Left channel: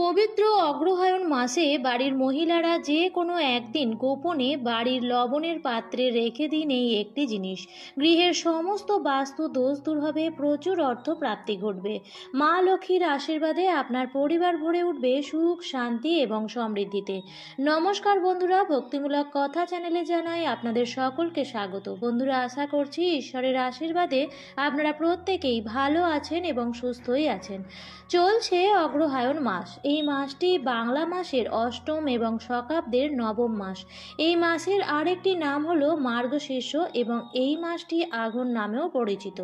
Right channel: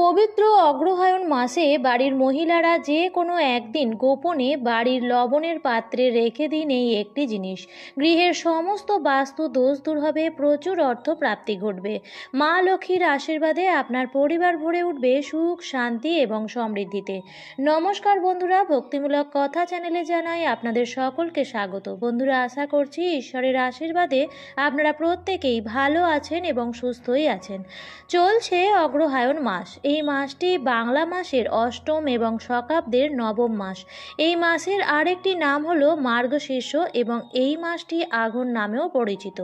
পবিত্র অগ্রহায়ণ মাসে বাড়ির মহিলারা যে কোনো একদিন গোপনে বাড়ির লবণের পাত্রে রেখে দিন এই একটি জিনিস। গৃহের সমস্ত বাস্তু দোষ দূর হবে, প্রচুর অর্থ প্রাপ্তি ঘটবে। মা লক্ষ্মীর আশীর্বাদে আপনার পরিবার ভরে উঠবে সুখ, শান্তি এবং সমৃদ্ধিতে। নমস্কার বন্ধুরা, ভক্তিমূলক কথা চ্যানেলে জানাই আপনাদের সকলকে স্বাগত। বন্ধুরা, আশা করছি ঈশ্বরের আশীর্বাদে আপনারা প্রত্যেকেই ভালো আছেন এবং সুস্থই আছেন। চলছে অগ্রহায়ণ মাস। এই মাসটি বাংলা মাসের অষ্টম এবং শকাব্দের নবম মাস। এই মাসের আরেকটি নাম হলো মার্গশীর্ষ এবং এই মাসটি আঘন নামেও পরিচিত।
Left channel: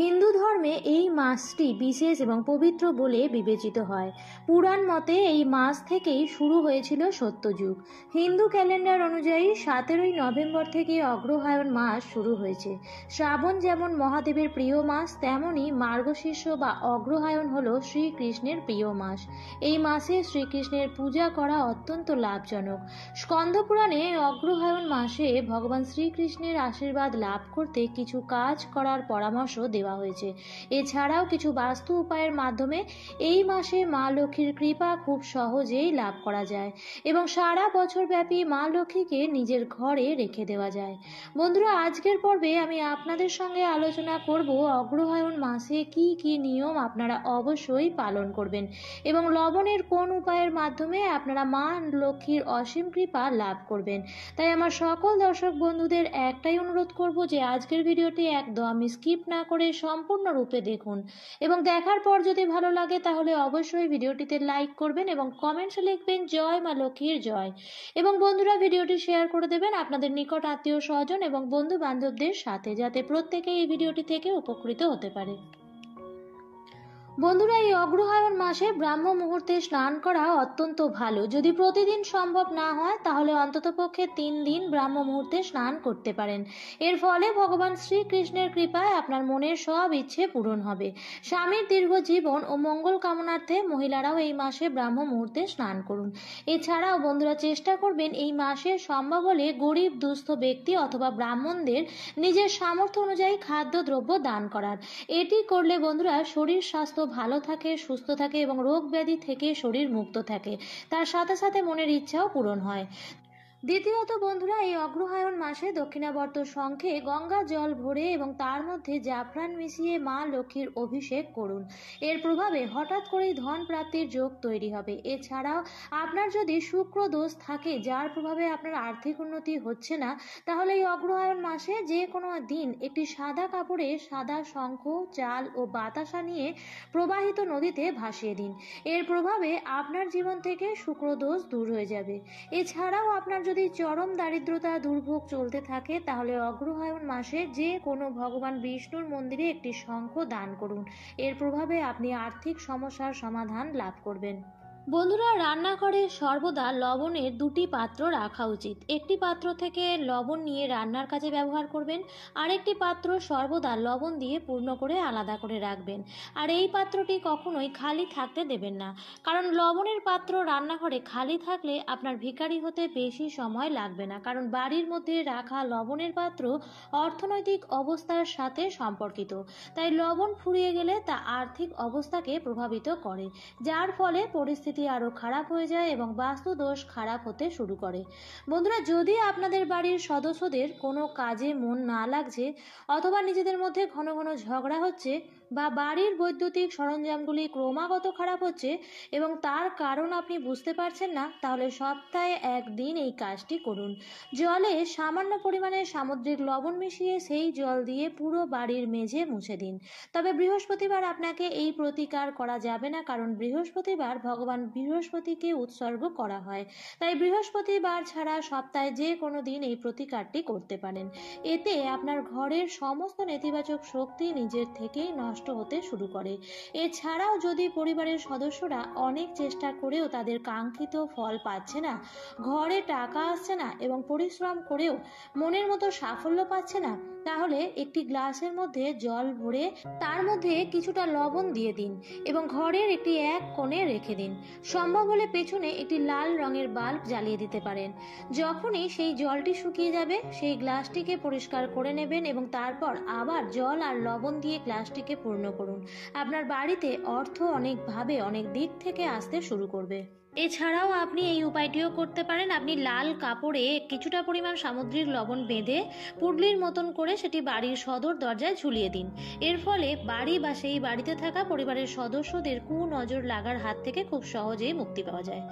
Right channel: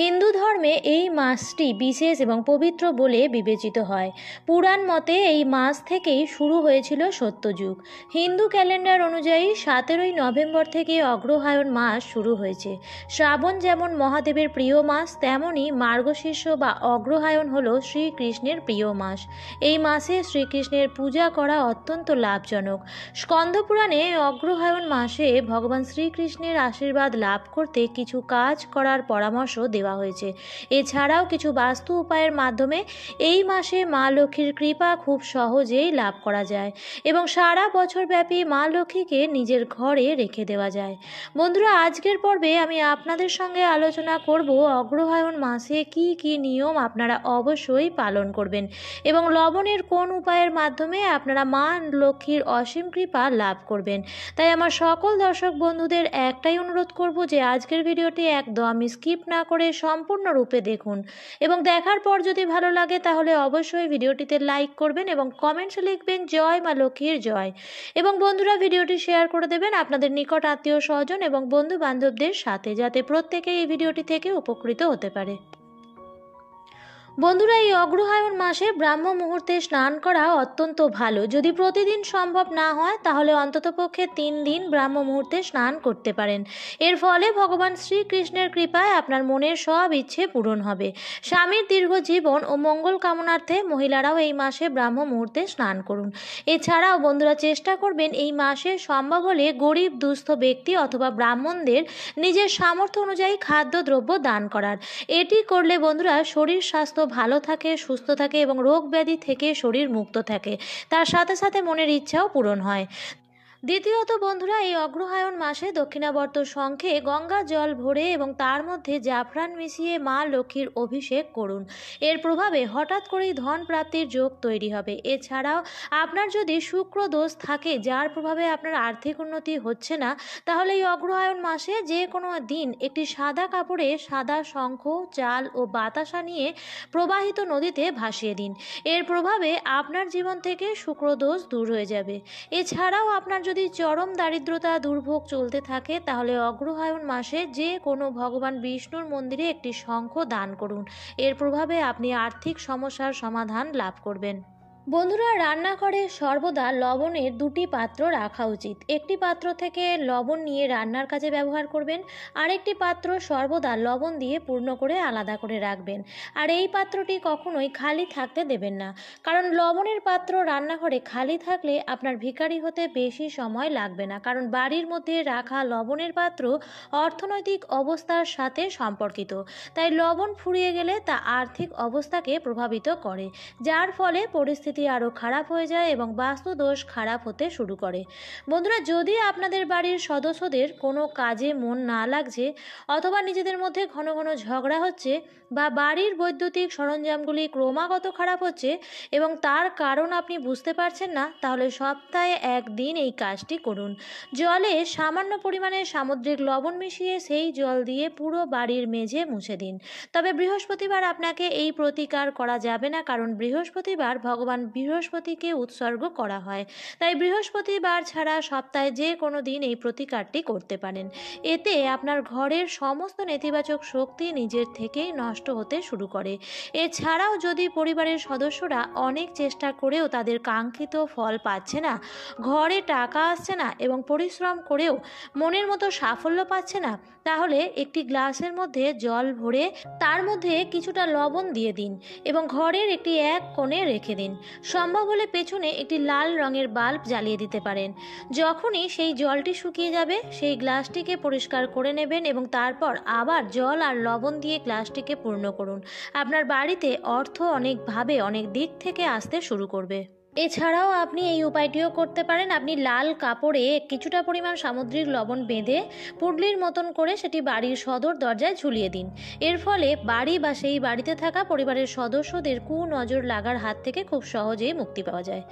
হিন্দু ধর্মে এই মাসটি বিশেষ এবং পবিত্র বলে বিবেচিত হয়। পুরাণ মতে এই মাস থেকেই শুরু হয়েছিল সত্যযুগ। হিন্দু ক্যালেন্ডার অনুযায়ী 17ই নভেম্বর থেকে অগ্রহায়ণ মাস শুরু হয়েছে। শ্রাবণ যেমন মহাদেবের প্রিয় মাস, তেমনি মার্গশীর্ষ বা অগ্রহায়ণ হলো শ্রীকৃষ্ণের প্রিয় মাস। এই মাসে শ্রীকৃষ্ণের পূজা করা অত্যন্ত লাভজনক। স্কন্দপুরাণে অগ্রহায়ণ মাসে ভগবান শ্রীকৃষ্ণের আশীর্বাদ লাভ করতে কিছু কাজ করার পরামর্শ দেওয়া হয়েছে। এছাড়াও কিছু বাস্তু উপায়ের মাধ্যমে এই মাসে মা লক্ষ্মীর কৃপা খুব সহজেই লাভ করা যায় এবং সারা বছর ব্যাপী মা লক্ষ্মীকে নিজের ঘরে রেখে দেওয়া যায়। বন্ধুরা, আজকের পর্বে আমি আপনাদের সঙ্গে আলোচনা করব অগ্রহায়ণ মাসে কি কি নিয়ম আপনারা অবশ্যই পালন করবেন এবং লবণের কোন উপায়ের মাধ্যমে আপনারা মা লক্ষ্মীর অসীম কৃপা লাভ করবেন। তাই আমার সকল দর্শক বন্ধুদের একটাই অনুরোধ করব যে আজকের ভিডিওটি একদম স্কিপ না করে সম্পূর্ণরূপে দেখুন এবং দেখার পর যদি ভালো লাগে তাহলে অবশ্যই ভিডিওটিতে লাইক করবেন এবং কমেন্টসে লিখবেন জয় মা লক্ষ্মীর জয়। এবং বন্ধুরা, ভিডিওটি শেয়ার করে দেবেন আপনাদের নিকট আত্মীয় স্বজন এবং বন্ধু বান্ধবদের সাথে, যাতে প্রত্যেকে এই ভিডিওটি থেকে উপকৃত হতে পারে। বন্ধুরা, এই অগ্রহায়ণ মাসে ব্রাহ্ম মুহূর্তে স্নান করা অত্যন্ত ভালো। যদি প্রতিদিন সম্ভব না হয় তাহলে অন্ততপক্ষে 3 দিন ব্রাহ্ম মুহূর্তে স্নান করতে পারেন। এর ফলে ভগবান শ্রীকৃষ্ণের কৃপায় আপনার মনের সব ইচ্ছে পূরণ হবে। স্বামীর দীর্ঘ জীবন ও মঙ্গল কামনার্থে মহিলারাও এই মাসে ব্রাহ্ম মুহূর্তে স্নান করুন। এছাড়াও বন্ধুরা, চেষ্টা করবেন এই মাসে সম্ভব হলে গরিব দুস্থ ব্যক্তি অথবা ব্রাহ্মণদের নিজের সামর্থ্য অনুযায়ী খাদ্যদ্রব্য দান করার। এটি করলে বন্ধুরা শরীর স্বাস্থ্য ভালো থাকে, সুস্থ থাকে এবং রোগ ব্যাধি থেকে শরীর মুক্ত থাকে। তার সাথে সাথে মনের ইচ্ছাও পূরণ হয়। দ্বিতীয়ত বন্ধুরা, এই অগ্রহায়ণ মাসে দক্ষিণাবর্ত শঙ্খে গঙ্গা জল ভরে এবং তার মধ্যে জাফরান মিশিয়ে মা লক্ষ্মীর অভিষেক করুন। এর প্রভাবে হঠাৎ করেই ধন প্রাপ্তির যোগ তৈরি হবে। এছাড়াও আপনার যদি শুক্র দোষ থাকে, যার প্রভাবে আপনার আর্থিক উন্নতি হচ্ছে না, তাহলে এই অগ্রহায়ণ মাসে যে কোনো দিন একটি সাদা কাপড়ে সাদা শঙ্খ, চাল ও বাতাসা নিয়ে প্রবাহিত নদীতে ভাসিয়ে দিন। এর প্রভাবে আপনার জীবন থেকে শুক্র দোষ দূর হয়ে যাবে। এছাড়াও আপনার যদি চরম দারিদ্রতা দুর্ভোগ চলতে থাকে, তাহলে অগ্রহায়ণ মাসে যে কোনো ভগবান বিষ্ণুর মন্দিরে একটি শঙ্খ দান করুন। এর প্রভাবে আপনি আর্থিক সমস্যার সমাধান লাভ করবেন। বন্ধুরা, রান্নাঘরে সর্বদা লবণের 2টি পাত্র রাখা উচিত। একটি পাত্র থেকে লবণ নিয়ে রান্নার কাজে ব্যবহার করবেন, আরেকটি পাত্র সর্বদা লবণ দিয়ে পূর্ণ করে আলাদা করে রাখবেন। আর এই পাত্রটি কখনোই খালি থাকতে দেবেন না, কারণ লবণের পাত্র রান্নাঘরে খালি থাকলে আপনার ভিখারি হতে বেশি সময় লাগবে না, কারণ বাড়ির মধ্যে রাখা লবণের পাত্র অর্থনৈতিক অবস্থার সাথে সম্পর্কিত। তাই লবণ ফুরিয়ে গেলে তা আর্থিক অবস্থাকে প্রভাবিত করে, যার ফলে পরিস্থিতি আরও খারাপ হয়ে যায় এবং বাস্তু দোষ খারাপ হতে শুরু করে। বন্ধুরা, যদি আপনাদের বাড়ির সদস্যদের কোনো কাজে মন না লাগছে অথবা নিজেদের মধ্যে ঘন ঘন ঝগড়া হচ্ছে বা বাড়ির বৈদ্যুতিক সরঞ্জামগুলি ক্রমাগত খারাপ হচ্ছে এবং তার কারণ আপনি বুঝতে পারছেন না, তাহলে সপ্তাহে 1 দিন এই কাজটি করুন। জলে সামান্য পরিমাণে সামুদ্রিক লবণ মিশিয়ে সেই জল দিয়ে পুরো বাড়ির মেঝে মুছে দিন। তবে বৃহস্পতিবার আপনাকে এই প্রতিকার করা যাবে না, কারণ বৃহস্পতিবার ভগবান বৃহস্পতিকে উৎসর্গ করা হয়। তাই বৃহস্পতিবার ছাড়া সপ্তাহে যে কোনো দিন এই প্রতিকারটি করতে পারেন। এতে আপনার ঘরের সমস্ত নেতিবাচক শক্তি নিজের থেকেই নষ্ট হতে শুরু করে। এছাড়াও যদি পরিবারের সদস্যরা অনেক চেষ্টা করেও তাদের কাঙ্ক্ষিত ফল পাচ্ছে না, ঘরে টাকা আসছে না এবং পরিশ্রম করেও মনের মতো সাফল্য পাচ্ছে না, তাহলে একটি গ্লাসের মধ্যে জল ভরে তার মধ্যে কিছুটা লবণ দিয়ে দিন এবং ঘরের এক কোণে রেখে দিন। সম্ভব হলে পেছনে একটি লাল রঙের বাল্ব জ্বালিয়ে দিতে পারেন। যখনই সেই জলটি শুকিয়ে যাবে সেই গ্লাসটিকে পরিষ্কার করে নেবেন এবং তারপর আবার জল আর লবণ দিয়ে গ্লাসটিকে পূর্ণ করুন। আপনার বাড়িতে অর্থ অনেকভাবে অনেক দিক থেকে আসতে শুরু করবে। এছাড়াও আপনি এই উপায়টিও করতে পারেন। আপনি লাল কাপড়ে কিছুটা পরিমাণ সামুদ্রিক লবণ বেঁধে পুডলির মতন করে সেটি বাড়ির সদর দরজায় ঝুলিয়ে দিন। এর ফলে বাড়ি বা সেই বাড়িতে থাকা পরিবারের সদস্যদের কুনজর লাগার হাত থেকে খুব সহজেই মুক্তি পাওয়া যায়।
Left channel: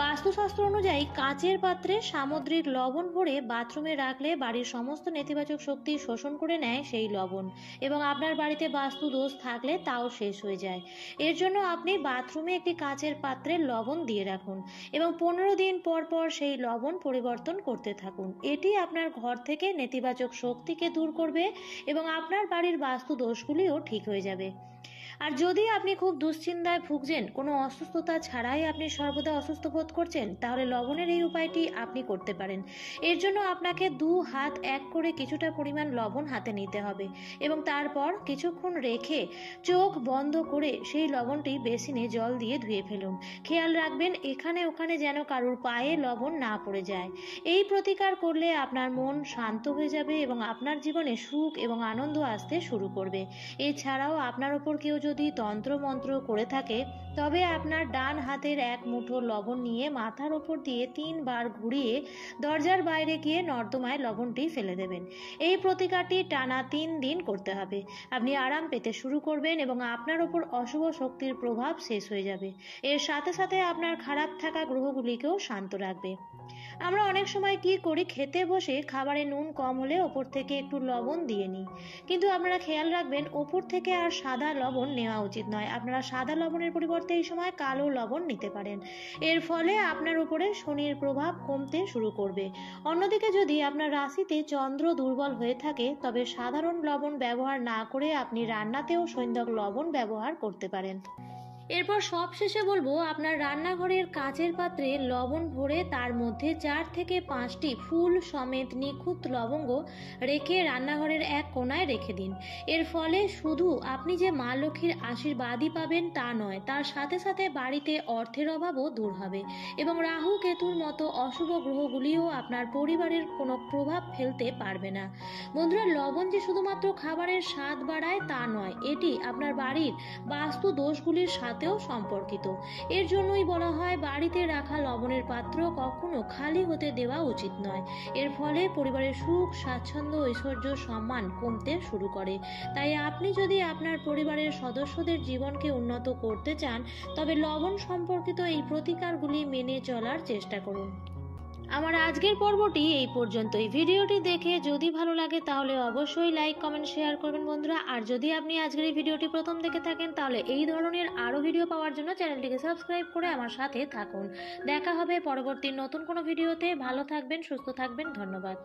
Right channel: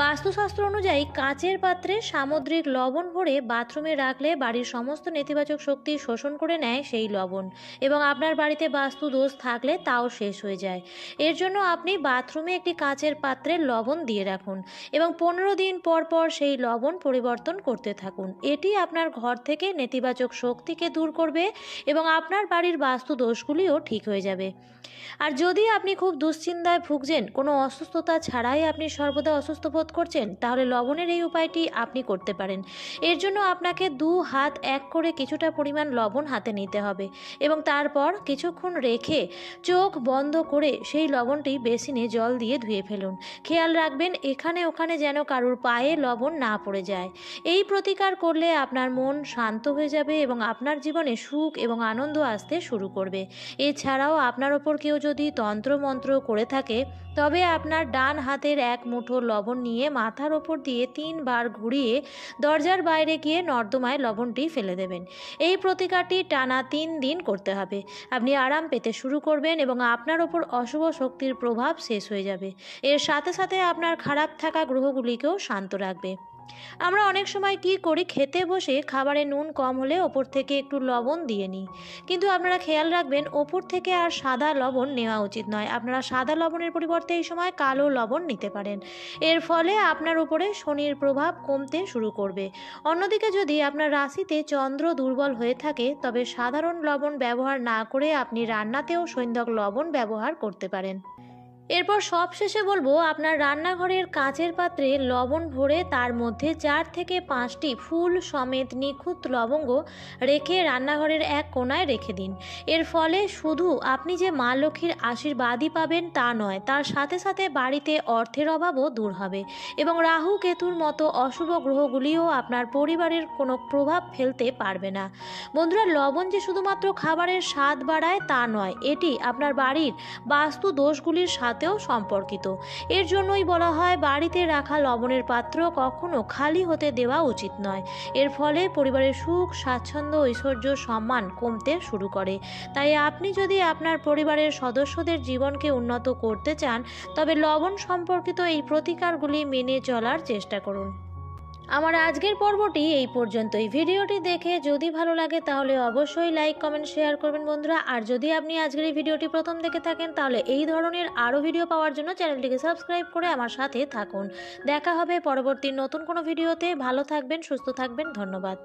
বাস্তুশাস্ত্র অনুযায়ী কাচের পাত্রে সামুদ্রিক লবণ ভরে বাথরুমে রাখলে বাড়ির সমস্ত নেতিবাচক শক্তি শোষণ করে নেয় সেই লবণ, এবং আপনার বাড়িতে বাস্তু দোষ থাকলে তাও শেষ হয়ে যায়। এর জন্য আপনি বাথরুমে একটি কাচের পাত্রে লবণ দিয়ে রাখুন এবং 15 দিন পর পর সেই লবণ পরিবর্তন করতে থাকুন। এটি আপনার ঘর থেকে নেতিবাচক শক্তিকে দূর করবে এবং আপনার বাড়ির বাস্তু দোষগুলিও ঠিক হয়ে যাবে। আর যদি আপনি খুব দুশ্চিন্তায় ভুগছেন, কোনো অসুস্থতা ছাড়াই আপনি সর্বদা অসুস্থ বোধ করছেন, তাহলে লবণের এই উপায়টি আপনি করতে পারেন। এর জন্য আপনাকে 2 হাত এক করে কিছুটা পরিমাণ লবণ হাতে নিতে হবে এবং তারপর কিছুক্ষণ রেখে চোখ বন্ধ করে সেই লবণটি বেসিনে জল দিয়ে ধুয়ে ফেলুন। খেয়াল রাখবেন এখানে ওখানে যেন কারোর পায়ে লবণ না পড়ে যায়। এই প্রতিকার করলে আপনার মন শান্ত হয়ে যাবে এবং আপনার জীবনে সুখ এবং আনন্দ আসতে শুরু করবে। এছাড়াও আপনার ওপর কেউ যদি তন্ত্রমন্ত্র করে থাকে, তবে আপনার ডান হাতের এক মুঠো লবণ নিয়ে মাথার ওপর দিয়ে 3 বার ঘুরিয়ে দরজার বাইরে গিয়ে নর্দমায় লবণটি ফেলে দেবেন। এই প্রতিকারটি টানা 3 দিন করতে হবে। আপনি আরাম পেতে শুরু করবেন এবং আপনার ওপর অশুভ শক্তির প্রভাব শেষ হয়ে যাবে। এর সাথে সাথে আপনার খারাপ থাকা গ্রহগুলিকেও শান্ত রাখবে। আমরা অনেক সময় কি করি, খেতে বসে খাবারে নুন কম হলে ওপর থেকে একটু লবণ দিয়ে নিই, কিন্তু আপনারা খেয়াল রাখবেন ওপর থেকে আর সাদা লবণ নেওয়া উচিত নয়। আপনারা সাদা লবণের পরিবর্তে এই সময় কালো লবণ নিতে পারেন। এর ফলে আপনার উপরে শনির প্রভাব কমতে শুরু করবে। অন্যদিকে যদি আপনার রাশিতে চন্দ্র দুর্বল হয়ে থাকে, তবে সাধারণ লবণ ব্যবহার না করে আপনি রান্নাতেও সৈন্ধক লবণ ব্যবহার করতে পারেন। এরপর সবশেষে বলবো, আপনার রান্নাঘরের কাচের পাত্রে লবণ ভরে তার মধ্যে 4 থেকে 5টি ফুল সমেত নিখুঁত লবঙ্গ রেখে রান্নাঘরের এক কোণায় রেখে দিন। এর ফলে শুধু আপনি যে মা লক্ষ্মীর আশীর্বাদই পাবেন তা নয়, তার সাথে সাথে বাড়িতে অর্থের অভাবও দূর হবে এবং রাহু কেতুর মতো অশুভ গ্রহগুলিও আপনার পরিবারের কোনো প্রভাব ফেলতে পারবে না। বন্ধুরা, লবণ যে শুধুমাত্র খাবারের স্বাদ বাড়ায় তা নয়, এটি আপনার বাড়ির বাস্তু দোষগুলির সাথেও সম্পর্কিত। এর জন্যই বলা হয় বাড়িতে রাখা লবণের পাত্র কখনো খালি হতে দেওয়া উচিত নয়। এর ফলে পরিবারের সুখ, স্বাচ্ছন্দ্য, ঐশ্বর্য, সম্মান কমতে শুরু করে। তাই আপনি যদি আপনার পরিবারের সদস্যদের জীবনকে উন্নত করতে চান, তবে লবণ সম্পর্কিত এই প্রতিকারগুলি মেনে চলার চেষ্টা করুন। আমার আজকের পর্বটি এই পর্যন্তই। ভিডিওটি দেখে যদি ভালো লাগে তাহলে অবশ্যই লাইক, কমেন্ট, শেয়ার করবেন বন্ধুরা। আর যদি আপনি আজকের এই ভিডিওটি প্রথম দেখে থাকেন, তাহলে এই ধরনের আরও ভিডিও পাওয়ার জন্য চ্যানেলটিকে সাবস্ক্রাইব করে আমার সাথে থাকুন। দেখা হবে পরবর্তী নতুন কোনো ভিডিওতে। ভালো থাকবেন, সুস্থ থাকবেন। ধন্যবাদ।